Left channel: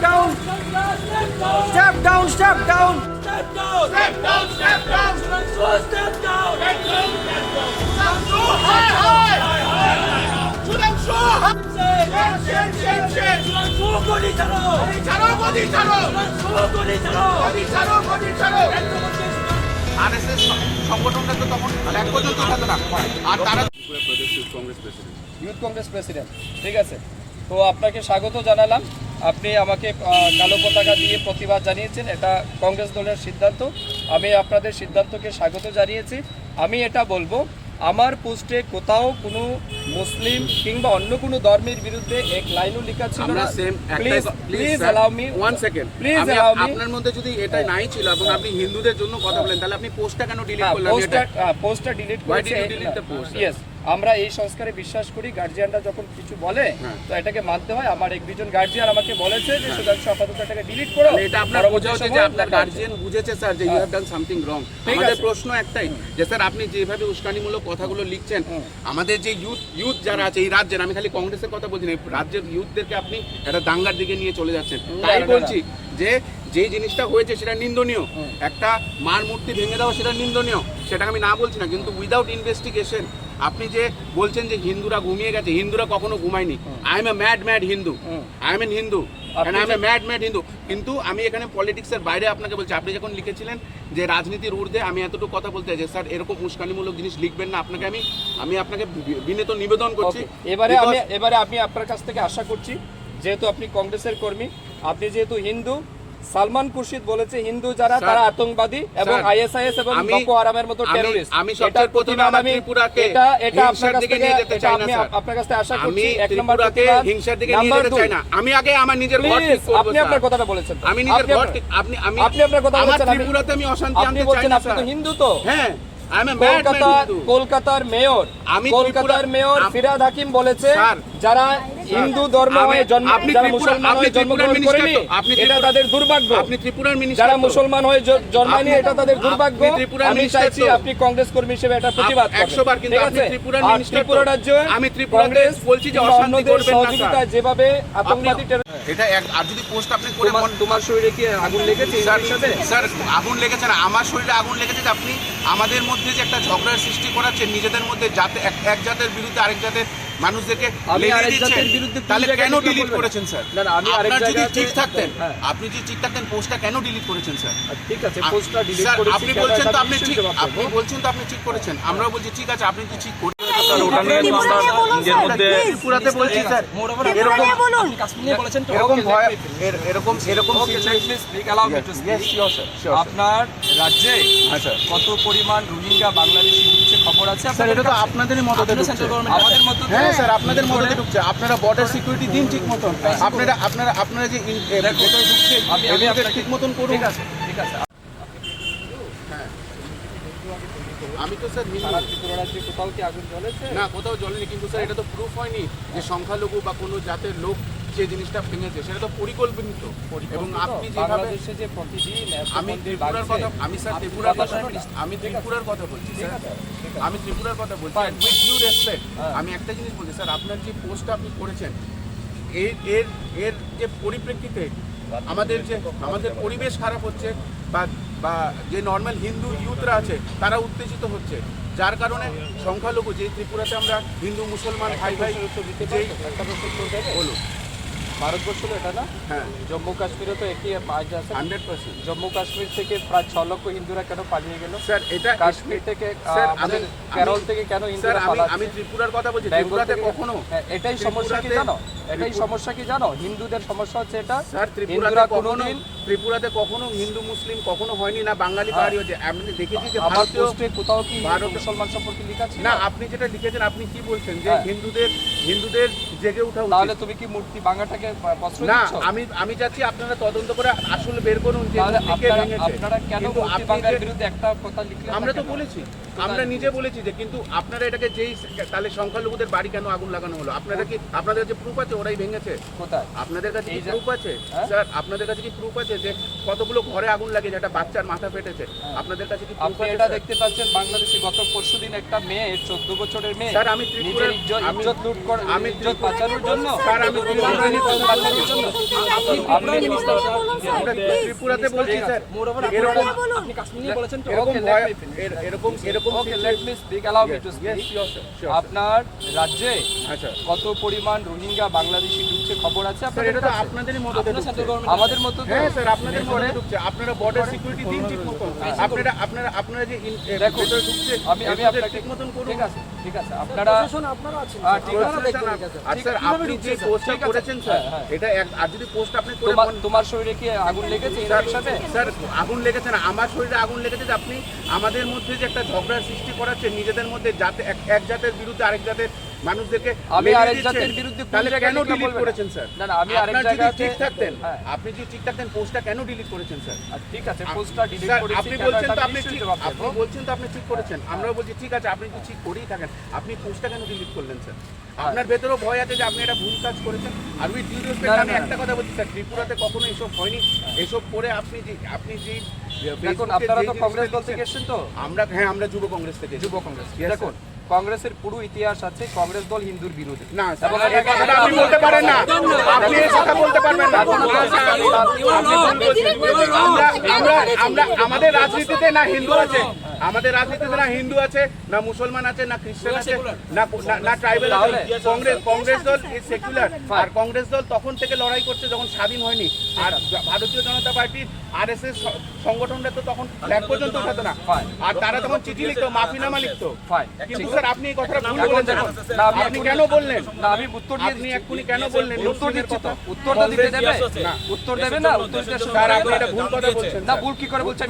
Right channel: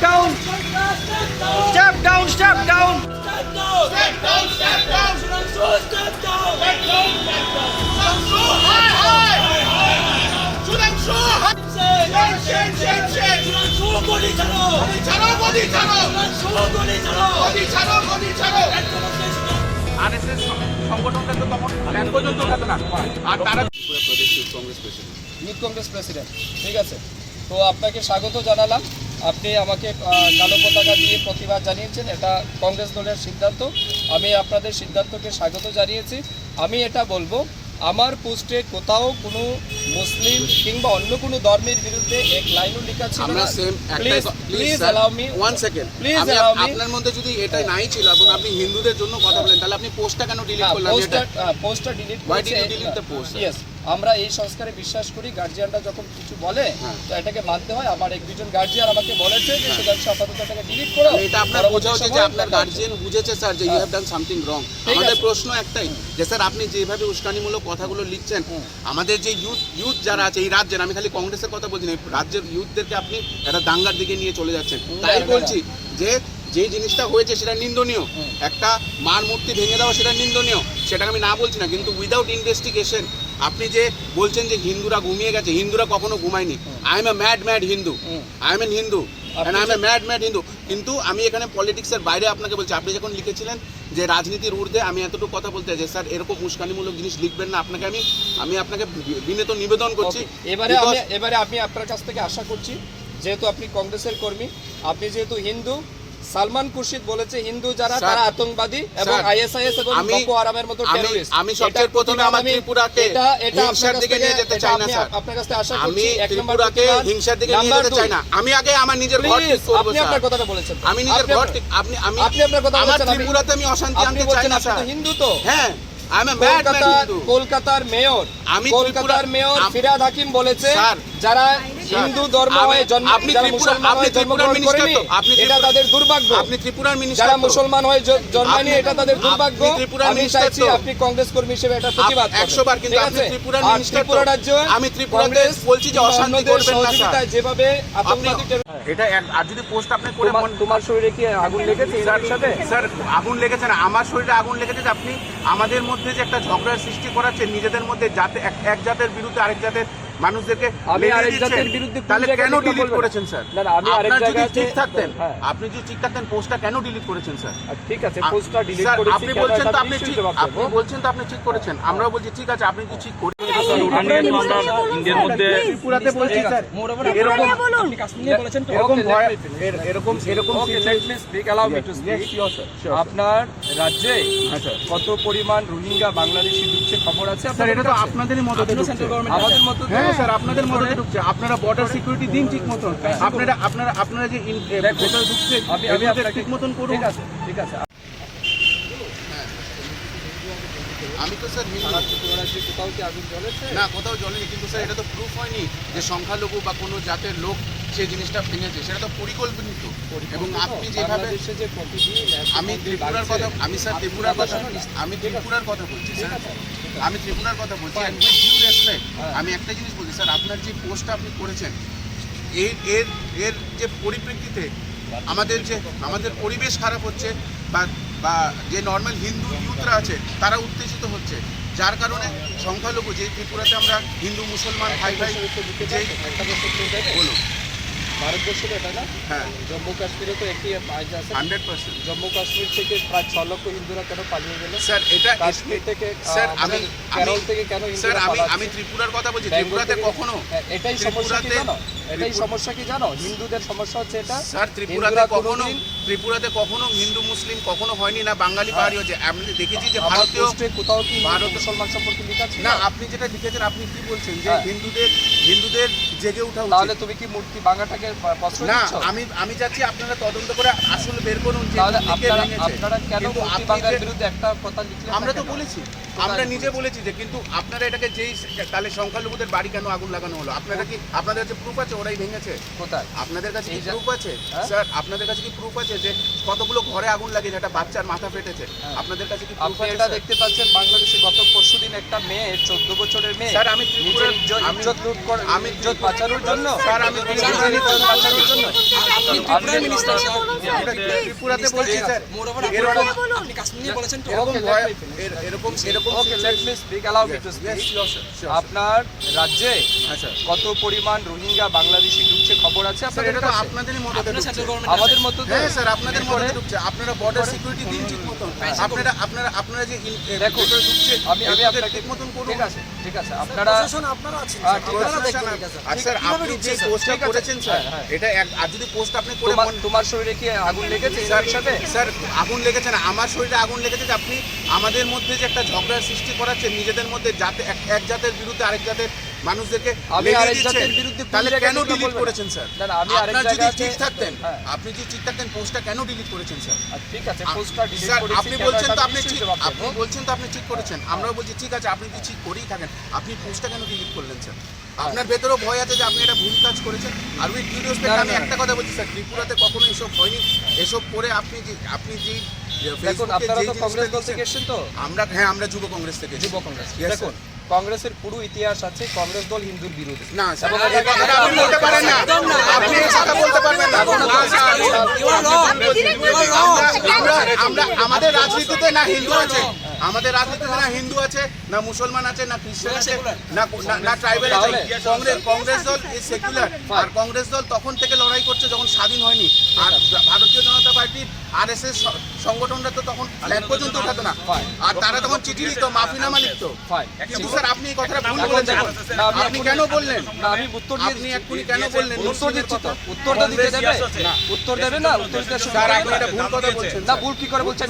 down. Step down, step down. RSS সংগঠনটা তো তখন এক পর্যন্ত উঠাতো না। আর তারা ইউথ কংগ্রেস প্রেসিডেন্ট ঠিক আছে। তো আপনাকে স্বাগত জানালাম। আপনি আমাকে কালো পতাকা দিয়ে প্রতিবাদ জানিয়েছেন, এটা কংগ্রেস দলের সিদ্ধান্ত। আমি আপনাদের সিদ্ধান্তকে স্বাগত জানিয়েছি। আমি এটা বলব, আমার পোস্টে কোথাও কোনো মুসলিম কিংবা অন্য কোনো ধর্মের বিরুদ্ধে এক লাইনও লেখা ছিল না। Please please allow me one second allow me- আপনার মধ্যে যদি এটা নাই ছিল এবং আপনি হিন্দুদের জন্য কথা বলেন তাহলে আপনি পোস্টটা কেন ডিলিট হ্যাঁ করলেন? পোস্টটা পোস্টটা ডিলিট করেছে ইয়েস আমরা এই সংস্কারে বিশ্বাস করি গার্জিয়ানরা যখন কিছু বলে হ্যাঁ। তো এটাকে মানতে হয়। আমার এক দুজন গার্জিয়ান আমাকে বলেছে যে সুধাংশু আপাতত এটাকে ডিলিট করো। এটা আপনার বোঝা উচিত যে আপনার গার্জিয়ান বুঝেছে স্যার যে you have done something wrong আমাদের প্রশ্ন একটাই যে স্যার আপনি যেভাবে উস্কানিমূলক কথাগুলো লিখছেন আমাদের যে ইউথ ইউথ যারা আছে এই রাজ্যের আমি খালি কংগ্রেসের কথা বলছি না রাজ্যের ইউথদেরকে আপনি একটা দাঙ্গার দিকে নিয়ে চলে যাচ্ছেন। তাই। বলছি যে যে জিনিসটা হয়েছে সেটা নিন্দনীয়। একটা মার মূর্তি ভেঙে দেওয়া সেটা নিন্দনীয়। সেটা আমি না বলছি না কিন্তু উইদাউট ইনভেস্টিগেশন আপনি যে বলছেন যে হিন্দুরা ঘুমিয়ে গেছে হিন্দুরা কখনো ঘুমায়নি। I am a mad mad Hindu. I am an Hindu mad mad Hindu কিন্তু আমি এখানে পলিটিক্সের বাইরে আপনাকে বলছি আপনি যখন লিখেছিলেন যে রাজনীতির ঊর্ধ্বে আমি এতটুকু কথা বলতে চাই স্যার এরকম উস্কানিমূলক জিনিস লিখবেন না আপনাকে আমি। আমি আপনাকে বিনীত নিবেদন করছি। এবারে আমি এবারে আমি আপনার কাছ থেকে আশা করছি যেহেতু আপনি কংগ্রেসের কর্মী আপনি যেহেতু হিন্দু সালমান খুরশিদ বলেছে হিন্দু যারা তারা আতঙ্কবাদী এবং আইএসআইএস এবং আমি- বকো হারামের মতো আমি- টেররিস্ট আমি সবচেয়ে প্রথমে আমার ত্রিপুরাকে এটা এটা আপনার কাছ থেকে যেতে এটা চাই না, আমি। আপনার কাছ থেকে আশা আমি করছি এক নম্বর প্রতিবাদ। হিংসার দিকে নিয়ে যেতে চাই না। আমি আগে আমার নিজের ঘর ঠিক করব আপনি আপনার কথাটা বলেছেন আমি নিজের ঘর ঠিক আপনি আমি আপনি আপনার কথা বলেছেন আমি- ত্রিপুরাতে আমি অশান্তি আনতে চাই না আপনি তো। হিন্দু তো। হ্যাঁ কলকাতার মেয়র আমি কলকাতার মেয়র আম- ফিরাদ হাকিম বলেছে যারা হিন্দু ধর্ম হয়ে জন্ম আপনি মুসলমান হয়ে জন্মগ্রহণ করেনি এটা তাদের দুর্ভাগ্য। আপনি ত্রিপুরার মিনিস্টার যারা মুসলমান হয়ে জন্মায়নি এটা তাদের দুর্ভাগ্য। আমি চাইছি আপনি কংগ্রেস কর্মী হিসেবে এটা প্রতিবাদ করবেন। বার কিন্তু আপনি ত্রিপুরার minister ত্রিপুরা। রাজ্যে আমি ত্রিপুরাতে কংগ্রেস বলছি যে অন্যদের সহযোগিতায় যেভাবে আতঙ্কবাদী এটা এক- আর যদি পোস্ট আপনি করে তোমার মন- তোমার শরীরে কি আগুন লেগেছে স্যার সাথে? স্যার আগুন লেগেছে না। আমার শরীরে আগুন লেগেছে যে আপনি আমাদের মধ্যে যে একটা ঝগড়ার সৃষ্টি করাচ্ছেন নিজেদের মধ্যে জাতে এক- এক জাতের বিরুদ্ধে আরেক জাতের মানুষদেরকে তাহলে কেন ডিলিট করেছেন স্যার না, না, আমি আরেক আপনার যদি ঠিক থাকতেন। আপনি যদি ঠিক থাকতেন পোস্টটা কেন ডিলিট করেছেন স্যার ঠিক আছে পোস্টটা ডিলিট করেছি আপনি বলছেন তো আপনি ঠিক আপনি বলছেন তো আপনি ঠিক করেছেন আমরাও বলছি ঠিক আছে আপনি কি ঠিক করে ত্রিপুরাতে বলছি স্যার এরকম এরকম ভয় এর- এরকম এরকম Okay, let situation- me speak. Allow me to Yes, speak. sure, sir, sure, sir. আপনার রাজ্যে হ্যাঁ, স্যার। কত পরিমাণ রোহিঙ্গা বাংলাদেশি ঢুকছে খবর আছে আপনাদের এটা তো কাছে? আপনাদের আমাদের মতো হ্যাঁ। স্যার আপনাদের মধ্যে ঢুকছে। আপনারা বর্ডার সিকিউরিটি দিন ঠিক মতন। আপনারা আপনারা আপনারা যে ভেতরে ঢুকছে ঠিক মতন করুন। ঠিক আছে ঠিক আছে। আমি তো স্যার হিন্দু। কোথাও কি আগুন জ্বলেছে? না কোথাও জ্বলেনি কিন্তু স্যার এটা তো প্রুফ হয়নি যে সংখ্যালঘু বা কোনো জাতের লোক সেই জিনিসটা ভেঙেছে সেটা তো পরিকল্পিত এবং আপনি যেভাবে যে প্রতিদিন আমি ত্রিপুরার কথা আমি স্যার ত্রিপুরার কথা আমি ত্রিপুরার কথা বলছি স্যার। আমি ত্রিপুরার কথা বলছি Fine. With due respect. আমি একটা জিনিস বলছি স্যার আপনার যে পোস্টটা আপনি করেছেন এর এর এর যে পরিপ্রেক্ষিতে আমাদের যে আমাদের পরিবেশ খারাপ হচ্ছে বা বা যে নর্মাল হিন্দু ইউথরা আছে তারা উত্তেজিত হচ্ছে যার কারণে সংখ্যালঘু যে ত্রিপুরাতে আমরা হিন্দু মুসলমান ভাই ভাই? বলুন ভারতবর্ষ এটা না? হ্যাঁ। জম্মু কাশ্মীরে তো আছে। Hundred percent. জম্মু কাশ্মীর থেকে প্রায় ছ লক্ষ হিন্দুরা কেন পালিয়ে গেল? স্যার এটা কাশ্মীর থেকে আহ, স্যার আমাদের আমি কেরল থেকে কেন হিন্দুরা পালাচ্ছে? আমি ত্রিপুরার কথা বলছি। ত্রিপুরাতে কখনো হ্যাঁ, এটাই সমস্যা কি জানো? এটাই সমস্যা কি জানো? হিন্দুদের সমস্যা হচ্ছে এটা। স্যার ত্রিপুরাতে কখনো ত্রিপুরাতে কখনো হিন্দু মুসলিম কখনো হয়নি না বাঙালি পাহাড়ি হয়েছে আমি দেখেছি যে ভারতীয় কোথাও কি মুসলমান সম্পর্কে লেখা না আপনি যেটা লিখেছেন আপনি কি বলছেন যে হ্যাঁ। হিন্দুদের হিন্দুদের জেগে ওঠা তাহলে তুমি কি মূর্তি ভাঙাটাকে প- না আমি আমি চাচ্ছি আপনারা তদন্ত করে আসলে বের করুন তাহলে আপনারা আপনারা কেন কিন্তু মূর্তি আপনি ভাঙার যে- বিরুদ্ধে একটা কথা লিখলেন আমরা তো বলেছি আমরা নিজে বলেছি? বলেছি যে কিন্তু আপনারা এটাকে যেই তাহলে সংখ্যালঘুদের বাড়ি কেন আগুন লাগানো হলো? আপনাদের কি আপনাদের যে প্রুফ আছে ওরাই ভেঙেছে? কোথায়? আপনাদের কাছে কি প্রুফ আছে? হ্যাঁ? স্যার আপনাদের কাছে কি প্রুফ আছে যে কতগুলো ঘরে আগুন লাগে একটা বাচ্চার মাথা ফেটেছে? হ্যাঁ। আপনাদের কাছে কি প্রুফ আছে এটা দেখতে পাচ্ছেন বাংলাদেশে গত পরশুদিন একটা মেয়ে চোদ্দ বছরের মেয়ে স্যার, আমি নিজের ইজ্জত লুট করে আমি ইজ্জত বাঁচানোর জন্য স্যার, আমি বাঁচানোর জন্য? আপনি ত্রিপুরার মিনিস্টার? স্যার ত্রিপুরাতে বলছি স্যার। মোর ওভার আপনি কাশ্মীর নিয়ে বলেছেন তো? এরকম Okay, let ভয় me finish. এর- এরকম এরকম okay let me speak allow me to speak sure, sure, sure. আপনার রাজ্যে আচ্ছা কত পরিমাণ রোহিঙ্গা বাংলাদেশি ঢুকছে খবর আছে আপনাদের এটা তো কাছে? আপনাদেরই মদতে আপনার ঢুকছে। সেন্ট্রাল গভর্নমেন্ট আমাদের মতো হ্যাঁ স্যার আপনাদের ঢুকছে। আপনারা বর্ডার সিকিউরিটি দিন ঠিক মতো আপনারা আপনারা আপনারা যে যেটা ঢুকছে আমি আমি আপনাকে ঠিক মতন করুন ঠিক আছে ঠিক আছে। আপনারা আপনারা আছেন হ্যাঁ, ঠিক আছে। স্যার আপনি যে পোস্টটা করেছেন স্যার হ্যাঁ, হ্যাঁ। এটা এক- আর যদি পোস্ট আপনি তোমার তোমার শরীরে কি আগুন লেগেছে স্যার এর সাথে স্যার আগুন লেগেছে না আমার শরীরে আগুন লেগেছে যে আপনি আমাদের মধ্যে যে একটা ঝগড়া সৃষ্টি করাচ্ছেন নিজেদের মধ্যে জাতে এক জাতের বিরুদ্ধে আরেক জাতের মানুষদেরকে আমি আরেক। জাতের বিরুদ্ধে কোন জায়গায় কেন ডিলিট করেছেন স্যার? না, না, আমি আরেক আপনার যদি ঠিক থাকতেন হ্যাঁ। আপনি ঠিক থাকতেন পোস্টটা কেন ডিলিট করেছেন স্যার? ঠিক আছে পোস্টটা ডিলিট করেছি আপনি বলছেন তো আপনি ঠিক আপনি বলছেন তো আপনি ঠিক করেছেন। আমরাও বলছি ঠিক আছে আপনি যদি ঠিক করেই থাকেন। আপনি পোস্টটা কেন ডিলিট করলেন স্যার? আপনার ভেতরেও ভয় আছে যে আপনি একটা ভুল কাজ করেছেন। আর উইথ না, আমি একটা কথা বলছি স্যার ত্রিপুরাতে কখনো এসব হয়নি। এসব করে আপনি যে আপনি যে দেখুন আপনারা তো কংগ্রেস দল থেকে এসেছেন তো? আমরা হ্যাঁ আমরা যুব কংগ্রেস থেকে যুব কংগ্রেস। দেখুন কংগ্রেসের পুরো ইতিহাস আছে কংগ্রেস দল হিন্দুর বিরোধী আমাদের রাজনীতিতে না হিন্দু আছে আমাদের রাজনীতিতে না হিন্দু আছে না মুসলমান আছে না খ্রিস্টান আছে না না- না আছে কংগ্রেস কংগ্রেস দল ইজ সেকুলার আর কংগ্রেস দল তখন থেকে লড়াই করছে যখন স্বাধীন হয়নি। আর ভারতীয় জনতা পার্টির আরএসএস সংগঠনটা তো তখন ফ্ল্যাগ পর্যন্ত উঠাতো না। আর তারা তখন চিঠি লিখতো মাফিনামা লিখতো। কিন্তু স্যার আপনি এই কথাটা ভুল বলেছেন। দেখুন, আপনি কেন বললেন? না আমি উত্তর দিয়ে আপনি। এক্ষুনি কেন বললেন? উত্তর দিচ্ছি তো। উত্তরটা দিতে দেবে উত্তর দেবে না উত্তর দিতে স্যার আপনি এটা ভুল কথা বলছেন না ভুল কি করে বলছেন?